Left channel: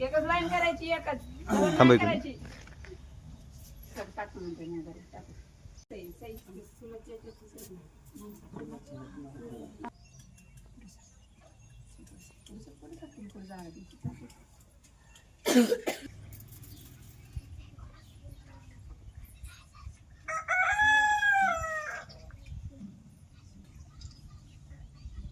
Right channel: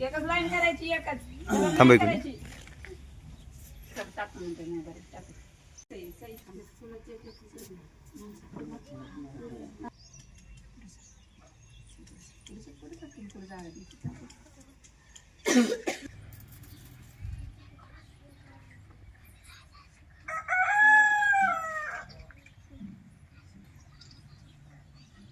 एकच लाईन करायची एकच. थांब करायची टाकून नंतर मग बरं. टाकू सही सही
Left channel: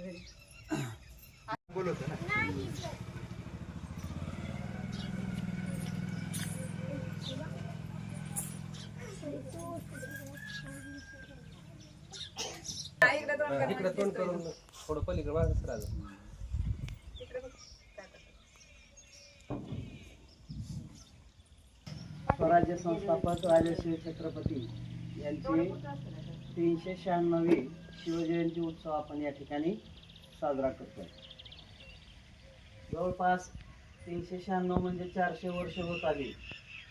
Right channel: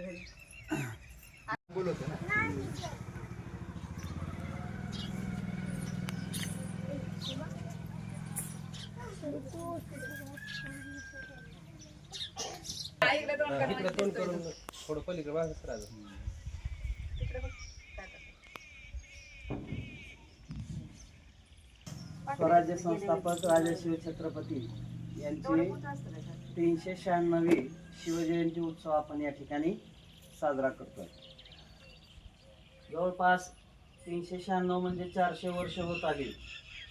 घरी. हा, इकडे दोन कर. तोंड करून थोडं पलीकडे वाजत राहिलं इकडे बघ. काय करतो? स्वराज्य संस्थापक राजश्री छत्रपती यांची तीनशे शहाण्णवी शिवजयंती उत्सव आपण या ठिकाणी साजरा करतो जवळपास तीनशे शहाण्णव म्हणजे चारशे वर्ष होत आली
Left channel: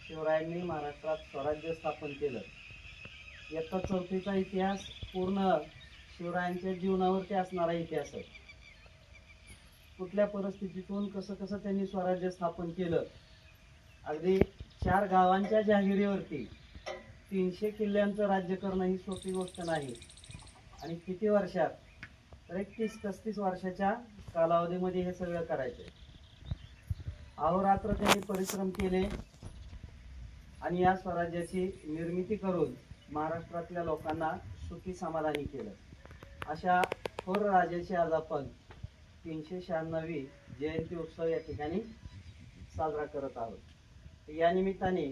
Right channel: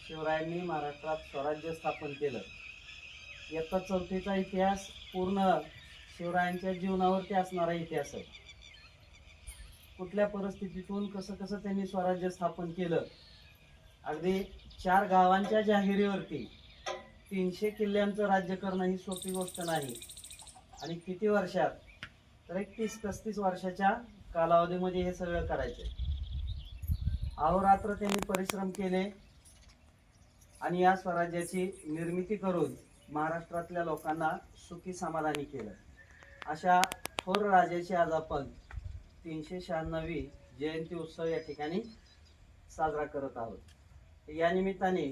शिवरायांनी महाराष्ट्रात स्वराज्य स्थापन केलं. इयत्ता चौथीचा इतिहास पूर्ण शिवरायांच्या जीवनावरती असणारा इतिहास आहे. कुठल्या परिस्थितीतून कसं कसं त्यांनी स्वराज्य स्थापन केलं? अगदी चार गावांच्या जाहिरीवरती तीनशे किल्ल्यांचं राज्य करणं ही सोपी गोष्ट नाही. आणि किती वर्षात? तर एक तीस पस्तीस वर्षाच्या कालावधीमध्ये हे सगळं करायचं अहोरात्र त्यांनी परिश्रम केले आणि या स्वराज्याची निर्मिती करून महाराष्ट्रातल्या लोकांना सुखी समाधानी केलं. अशा थोर राजाची आज आपण तीनशे शहाण्णवी जयंती उत्सव या ठिकाणी साजरा करत आहोत. या निमित्ताने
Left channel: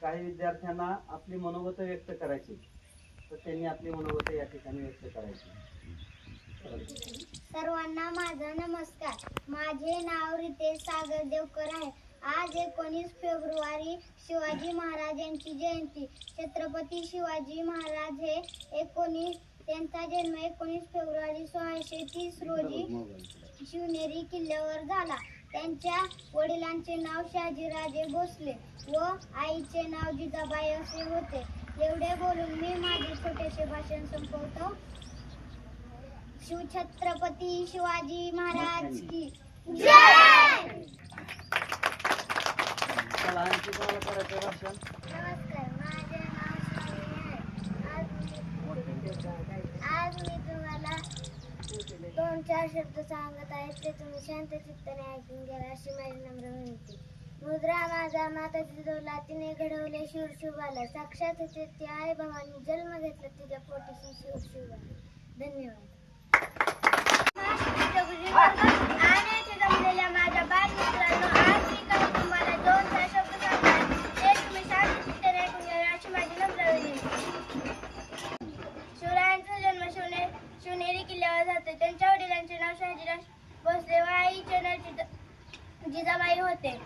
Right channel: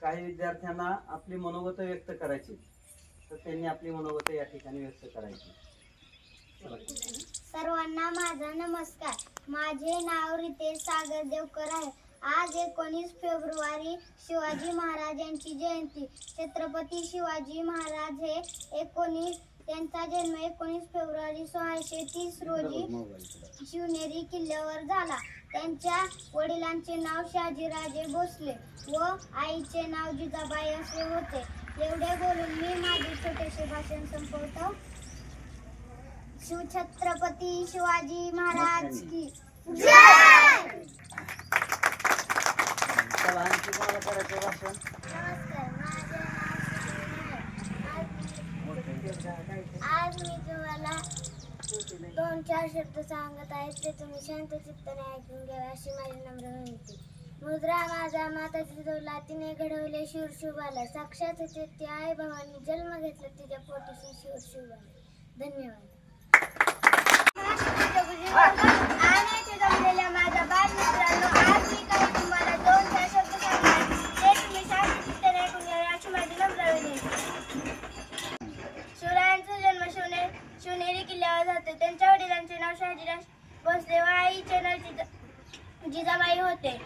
काही विद्यार्थ्यांना आपली मनोगत व्यक्त करायची. तर त्यांनी आपली मनोगत या ठिकाणी व्यक्त करायची. सर्वांना माझा नमस्कार. माझे नाव रितेश सागर देवकर आहे. आज एकोणीस फेब्रुवारी शिवाजी महाराज यांची जयंती. छत्रपती शिवाजी महाराज हे एकोणीस त्यांचा जन्म एकोणीस फेब्रुवारी सोळाशे तीस रोजी शिवनेरी किल्ल्यावर झाला. त्यांच्या वडिलांचे नाव शहाजीराजे भोसले व आईचे नाव जिजाबाई असे होते. एवढे बोलून मी माझे छोटेसे भाषण संपवतो. शिवछत्रपती शिवाजी महाराज की जय चला आणखी कोणाला करायचं भाषण नमस्कार माझे नाव सोनी आहे आज मी तुम्हाला दोन चार शब्द सांगत आहे ते तुम्ही शांत चित्ताने ऐकून घ्यावे अशी माझी नम्र विनंती. मुद्रा माझा माता जिजवला तिने घडवले शूर शुभाला साक्षात होते ती आई भावानी जन्म घेतला तिच्या पोटीशी शूर शुभाला धन्यवाद आणि इथे जमलेल्या माझ्या बालमित्रांनो आज मी काही तुम्हाला दोन चार शब्द सांगणार ते तुम्ही शांत चित्ताने ऐकून घ्यावे अशी माझी नम्र विनंती शिवरायांचा जन्म शिवने शिवनेरी होते. त्यांच्या वडिलांचे नाव शहाजीराज भोसले. व आईचे नाव जिजाबाई होते.